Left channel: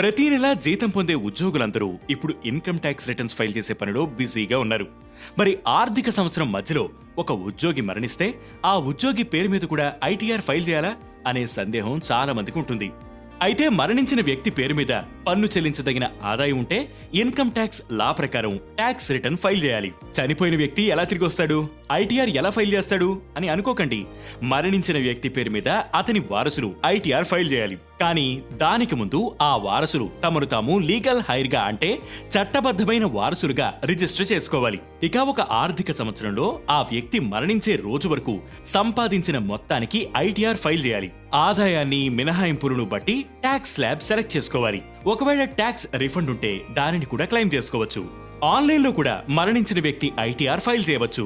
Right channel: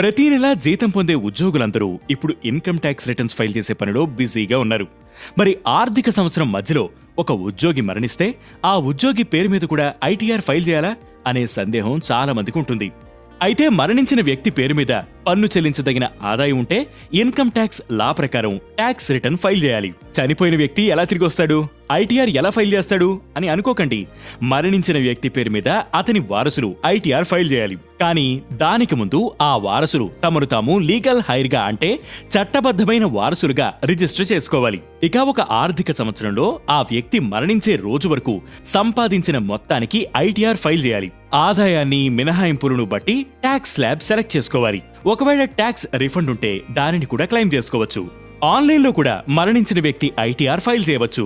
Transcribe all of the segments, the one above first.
ప్రతి నెల జీతం పొందే ఉద్యోగులందరూ ఇప్పుడు ఇన్కమ్ ట్యాక్స్ రిటర్న్స్ ఫైల్ చేసే పనిలో బిజీగా ఉన్నారు. మరి ఆర్థిక సంవత్సరం మధ్యలో ఒక ఉద్యోగి మరణిస్తే ఆ ఉద్యోగి పేరు మీద కూడా ఐటీఆర్ ఫైల్ చేయాలా అనే సందేహం చాలా మందికి ఉంటుంది. అయితే మరణించిన వ్యక్తి పేరు మీద పన్ను చెల్లించదగిన ఆదాయం ఉంటే ఇన్కమ్ ట్యాక్స్ లా ప్రకారం ట్యాక్స్ రిటర్న్ ఫైల్ చేయాలి. చనిపోయిన వ్యక్తి ఎలా తిరిగి వస్తాడు, ఐటీఆర్ ఎలా ఫైల్ చేస్తాడు అని అనుకోకండి. మరణించిన వ్యక్తి పేరు మీద అతని వారసులు ఐటీఆర్ ఫైల్ చేయాలి. కానీ దానికి ముందు ఆ వారసులు తమను తాము లీగల్ హైర్ గా అంటే చట్టబద్ధమైన వారసులుగా రిజిస్టర్ చేసుకోవాలి. ఇక ఒక ఆర్థిక సంవత్సరంలో ఆ వ్యక్తి మరణించే రోజు వరకు సంపాదించిన మొత్తానికి ఐటీఆర్ ఫైల్ చేయాలి. ఆదాయాన్ని మినహాయింపులను బట్టి ట్యాక్స్ స్లాబ్ సెలెక్ట్ చేసుకోవాలి. ఒకవేళ ట్యాక్స్ రిఫండ్ ఉంటే దానిని కూడా క్లెయిమ్ చేసుకోవచ్చు. ఆన్లైన్లో కూడా మరణించిన వ్యక్తి ఐటీఆర్ ఫైల్ చేయవచ్చు.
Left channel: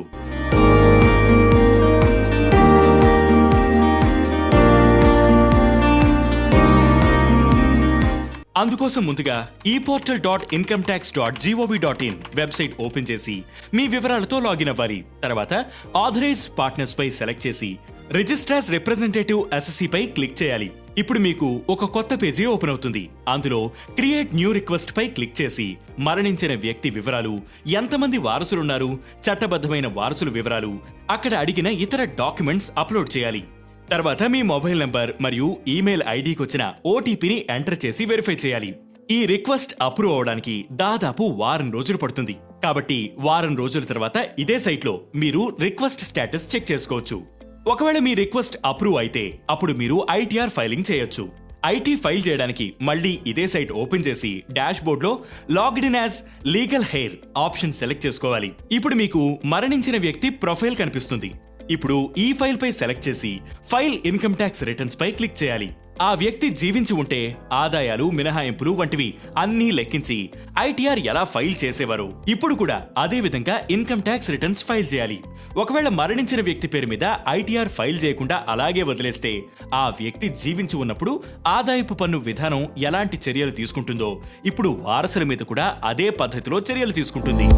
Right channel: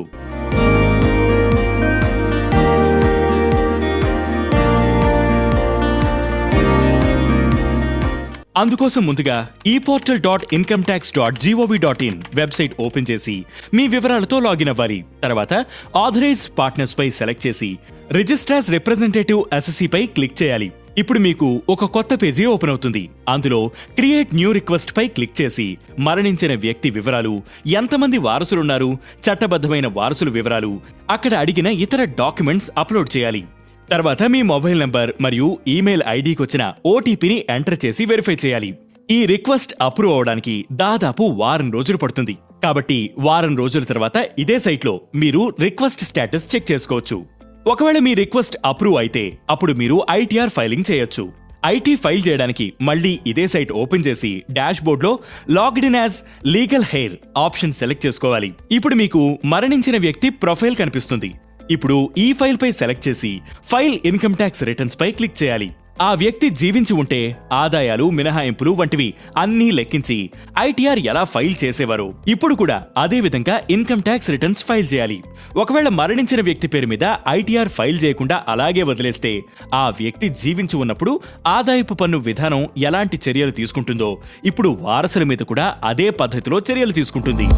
అందుకోసం ముందుగా eportal.incometax.gov.in వెబ్సైట్ ఓపెన్ చేసి మీ వివరాలతో లాగిన్ అవ్వాలి. తర్వాత ఆథరైజ్డ్ పార్ట్నర్స్ పై సెలెక్ట్ చేసి రిజిస్ట్రార్స్ రిప్రజెంటేటివ్ అసెసీ పై క్లిక్ చేయాలి. ఇప్పుడు మీకు ఒక కొత్త పేజీ ఓపెన్ అవుతుంది. అందులో క్రియేట్ న్యూ రిక్వెస్ట్ పై క్లిక్ చేసి మరణించిన వ్యక్తి వివరాలు, ఎంతమంది వారసులున్నారు, చట్టబద్ధమైన వారసుల వివరాలు, అక్కడ అడిగిన ఇతర డాక్యుమెంట్స్ అప్లోడ్ చేయాలి. తర్వాత మీ మొబైల్ నంబర్ మరియు ఈమెయిల్ ఐడికి వచ్చిన ఓటీపీని ఎంటర్ చేసి వెరిఫై చేయాలి. ఈ రిక్వెస్ట్ అప్రూవ్ అవడానికి దాదాపు వారం రోజులు పడుతుంది. కాబట్టి వారం రోజుల తర్వాత ఇదే సైట్లో మీరు రిక్వెస్ట్ స్టేటస్ చెక్ చేసుకోవచ్చు. ఒకవేళ మీ రిక్వెస్ట్ అప్రూవ్ అయితే అప్పుడు మీరు ఐటీఆర్ ఫైలింగ్ చేయొచ్చు. ఐటీ ఫైల్ చేయడానికి మళ్ళీ ఇదే సైట్ ఓపెన్ చేసి డాష్ బోర్డ్ లో logged in as legal heir option select చేసుకోవాలి. ఇప్పుడు మీకు మరణించిన వ్యక్తి ప్రొఫైల్ కనిపిస్తుంది. ఇప్పుడు ఈ ఫైల్ పై సెలెక్ట్ చేసి ఫైల్ ఇన్కమ్ ట్యాక్స్ రిటర్న్స్ పై క్లిక్ చేయాలి. ఆ వ్యక్తి జీవించి ఉంటే ఆదాయాలు, మినహాయింపులు వంటివి అన్నీ లెక్కించి ఐటీఆర్ ఎలా ఫైల్ చేసేవారో ఇప్పుడు కూడా అదే విధంగా ఇన్కమ్ ట్యాక్స్ రిటర్న్స్ ఫైల్ చేయాలి. ఒకవేళ మరణించిన వ్యక్తి పేరు మీద ఐటీఆర్ ఫైల్ చేయకుండా అలాగే వదిలేస్తే ఆ వ్యక్తి జీవించి ఉన్నప్పుడు ఆదాయపు పన్ను విధానం ఎలాంటి చర్యలు తీసుకుంటుందో ఇప్పుడు వారసుల మీద కూడా అదే పద్ధతిలో చర్యలు తీసుకుంటుంది.